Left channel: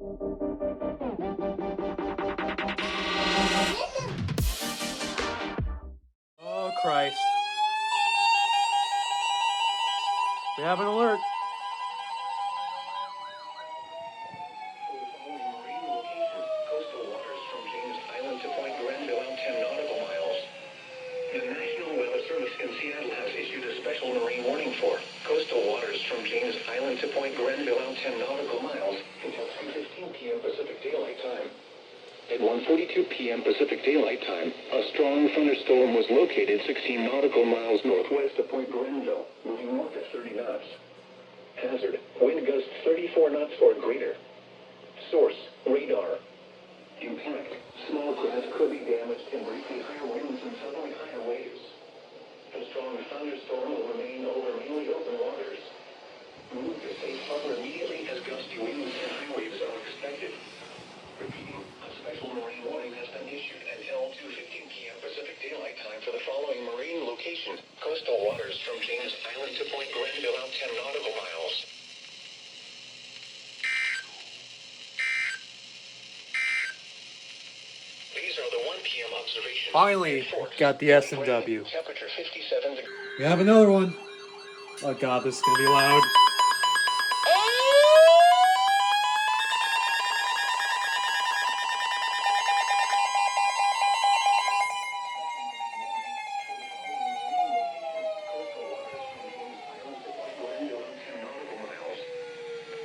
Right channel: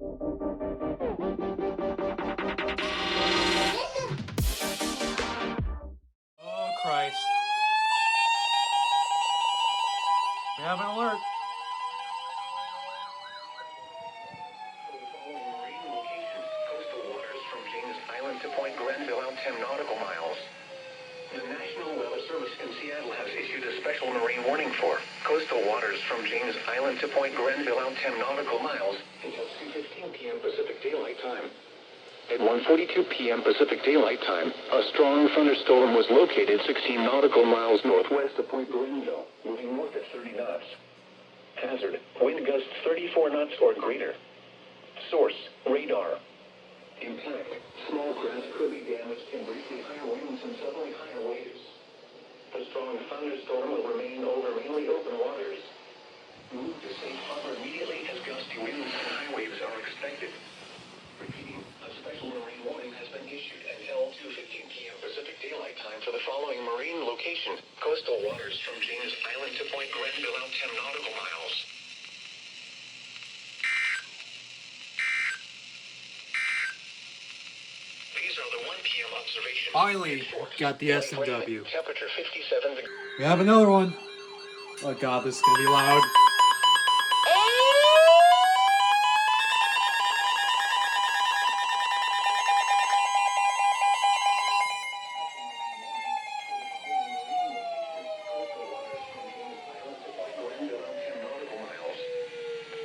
Oh, Christ. We have an alert. Coastal waters from James Island to Point Grenville out 10 nautical miles. The National Weather Service in Seattle has issued a special marine warning for coastal waters from James Island to Point Grenville out 10 nautical miles until 2:15 p.m. Pacific Daylight Time. At 1:42 p.m. Pacific Daylight Time, a strong thunderstorm was located 16 nautical miles northwest of Point Grenville, moving north at 30 knots. Hazard, wind gusts 34 knots or greater. Source, radar. Impact, small craft could be damaged and briefly higher winds and suddenly higher waves. The strong thunderstorm will remain over mainly open waters. Move to safe harbor immediately as gusty winds and high waves are expected. Repeating, a special marine warning has been issued until 2:15 p.m. Pacific Daylight Time for the following marine locations. Coastal waters from James Island to Point Grenville out 10 nautical miles. These are the 1 p.m. observations. Finally, got the S&W. Temperature 57 degrees. We have another one. Oh, God, this is going to be loud.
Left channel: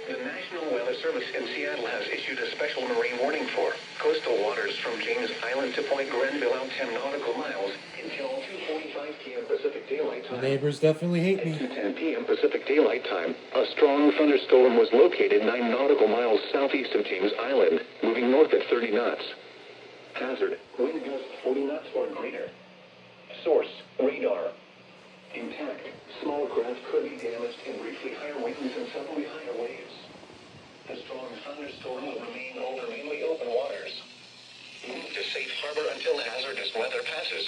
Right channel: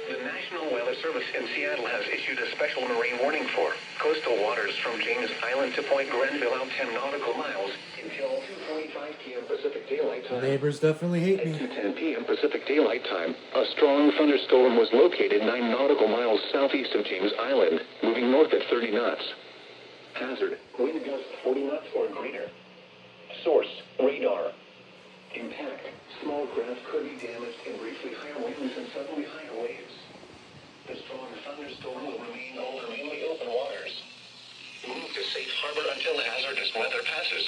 The National Weather Service in Seattle has issued a special marine warning for coastal waters from James Island to Point Grenville out 10 nautical miles until 2:45 p.m. Pacific Daylight Time. Neighbors definitely hate me. At 2:10 p.m. Pacific Daylight Time, a strong thunderstorm was located 9 nautical miles southeast of James Island, moving north at 30 knots. Hazard, wind gusts 40 knots or greater. Source, radar. Impact, small craft could be damaged and briefly higher winds and suddenly higher waves. The strong thunderstorm will remain over mainly open waters. Move to safe harbor until hazardous weather passes.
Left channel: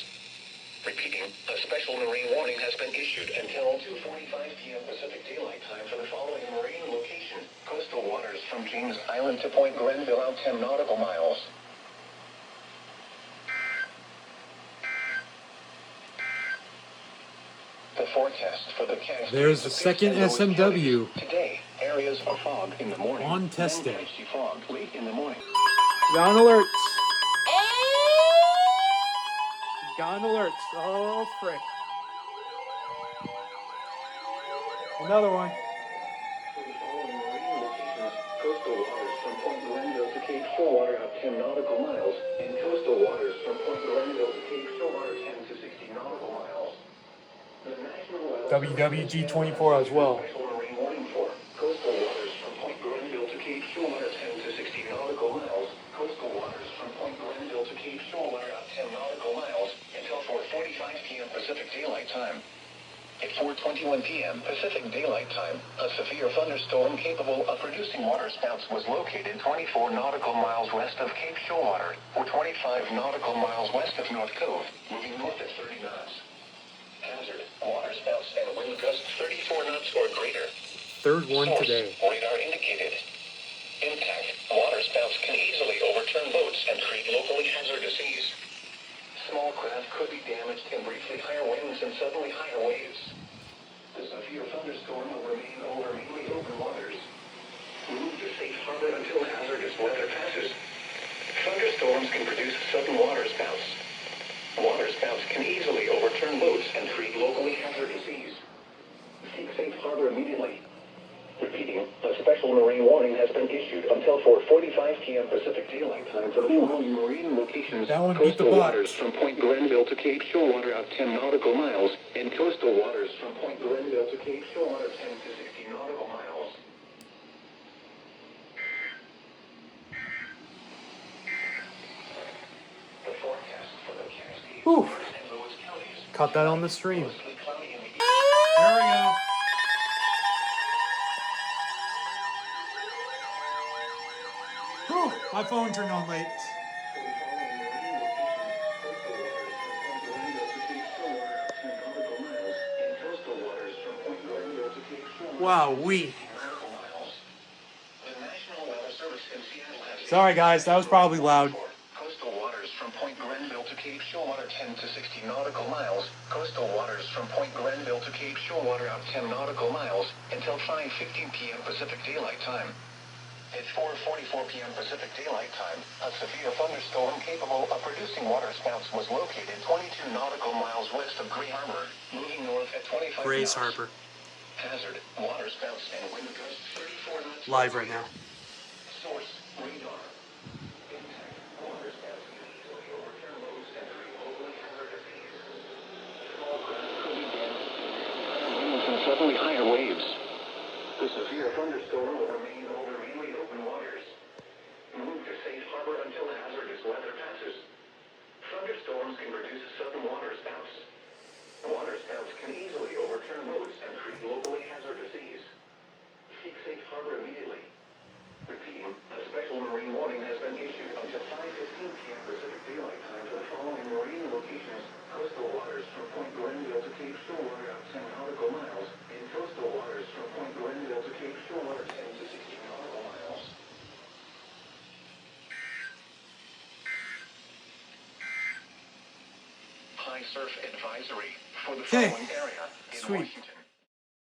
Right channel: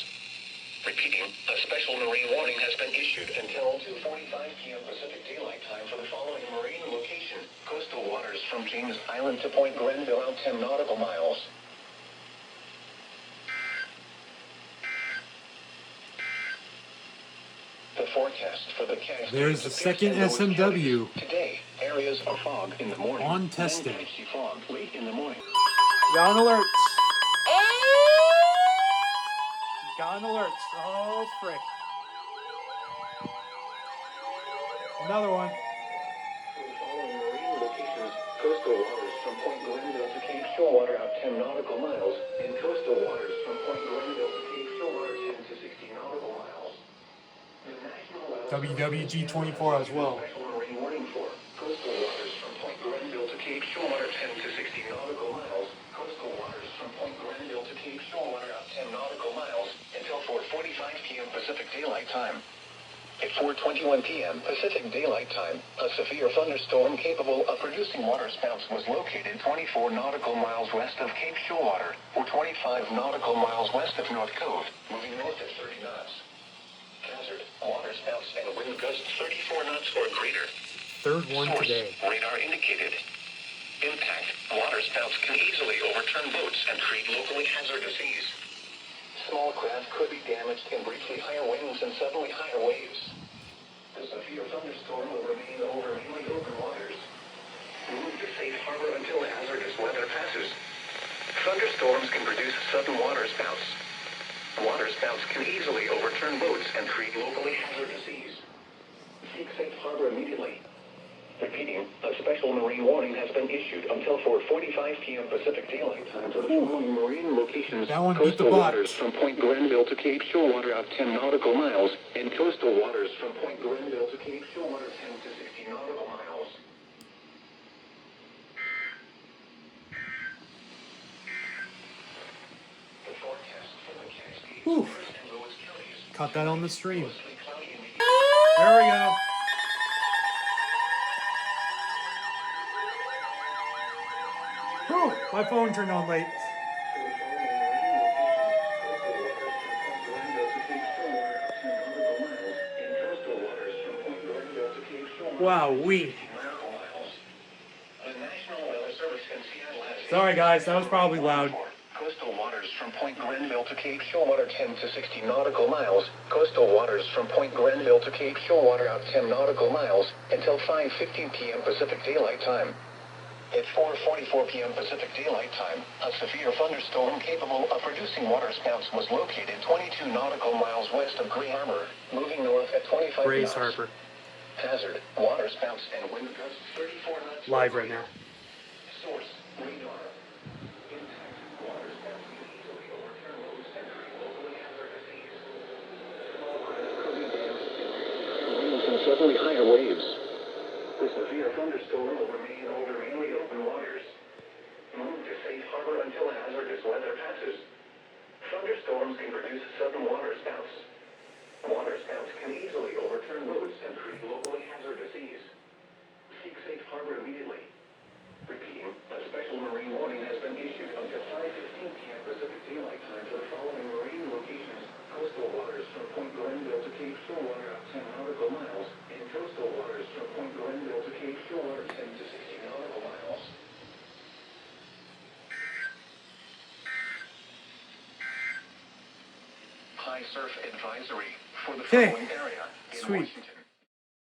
Repeating, a special marine warning has been issued until 2:45 p.m. Pacific Daylight Time for the following marine locations. Coastal waters from James Island to Point Grenville out 10 nautical miles. The forecast for the cast. There's the second SMW. Today, areas of fog in the morning. On test day. Patchy fog late in the morning. Got alerts. Got alerts. Oh, frick. Another one. For the following marine locations, coastal waters from Point Grenville to Cape Shorewater out 10 nautical miles, and coastal waters from Point Grenville to Cape Shorewater 10 to 60 nautical miles. The National Weather WWG24 as well. Special marine warning for coastal waters from Point Grenville to Cape Shorewater 10 to 60 nautical miles. Coastal waters from Point Grenville to Cape Shorewater out 10 nautical miles until 4:45 p.m. Pacific Daylight Time. At 4:21 p.m. Pacific Daylight Time, a severe thunderstorm capable of producing waterspouts was located 24 nautical miles west of Cape Shorewater, or 25 nautical miles west of North Cove, moving north at 30 knots. Hazard, waterspouts and wind gusts 34 knots or greater. Third one Source, today. radar indicated. Impact, waterspouts can easily overturn boats and create locally hazardous seas. Small craft could be damaged and briefly higher winds and suddenly higher waves. The severe thunderstorm will remain over mainly open waters. Move to safe harbor until hazardous weather passes. Thunderstorms can produce sudden waterspouts. Waterspouts can easily overturn boats and create locally hazardous seas. Seek safe harbor immediately. Repeating, a special marine warning has been issued until 4:45 p.m. Pacific Daylight Time for the following marine locations. That one beat the Coastal box. waters from Point Grenville to Cape Shorewater out 10 nautical miles, and coastal waters from Point Grenville to Cape Shorewater 10 to 60 nautical miles. The forecast for the Cascades Whew. and Lewis counties. Caught that on the stream. Mostly cloudy in the There we go. Whew, my phone turned on late. Wow, we. The National Weather Service in Seattle has Sorry, guys, that was probably loud. coastal waters from Point Grenville to Cape Showwater 10 to 60 nautical miles. Coastal waters from Point Grenville to Cape Showwater out 10 nautical miles until 5:15 p.m. Pacific Daylight Time. At 4:44 p.m. Pacific Daylight Time, a severe thunderstorm capable of producing waterspouts was located 22 nautical miles west of Gray Harbor, moving north at 25 Grace knots. Harper. Hazard, waterspouts and wind gusts 34 knots. Live right now. Source, radar. Impact, waterspouts can easily overturn roads and create locally hazardous seas. And suddenly higher waves. The severe thunderstorm will remain over mainly open waters. Move to safe harbor until hazardous weather passes. Thunderstorms can produce sudden waterspouts. Waterspouts can easily overturn roads and create locally hazardous seas. Seek safe harbor immediately. Repeating, a special marine warning has been issued until 5:15 p.m. Pacific Daylight Time for the following marine locations: coastal waters from Point Grenville to Cape Showwater at 10 nautical miles, and coastal waters from Point Grenville to Cape Showwater 10 to 60 nautical miles. High surf advisory for the Okay. following area in Sweet. Washington.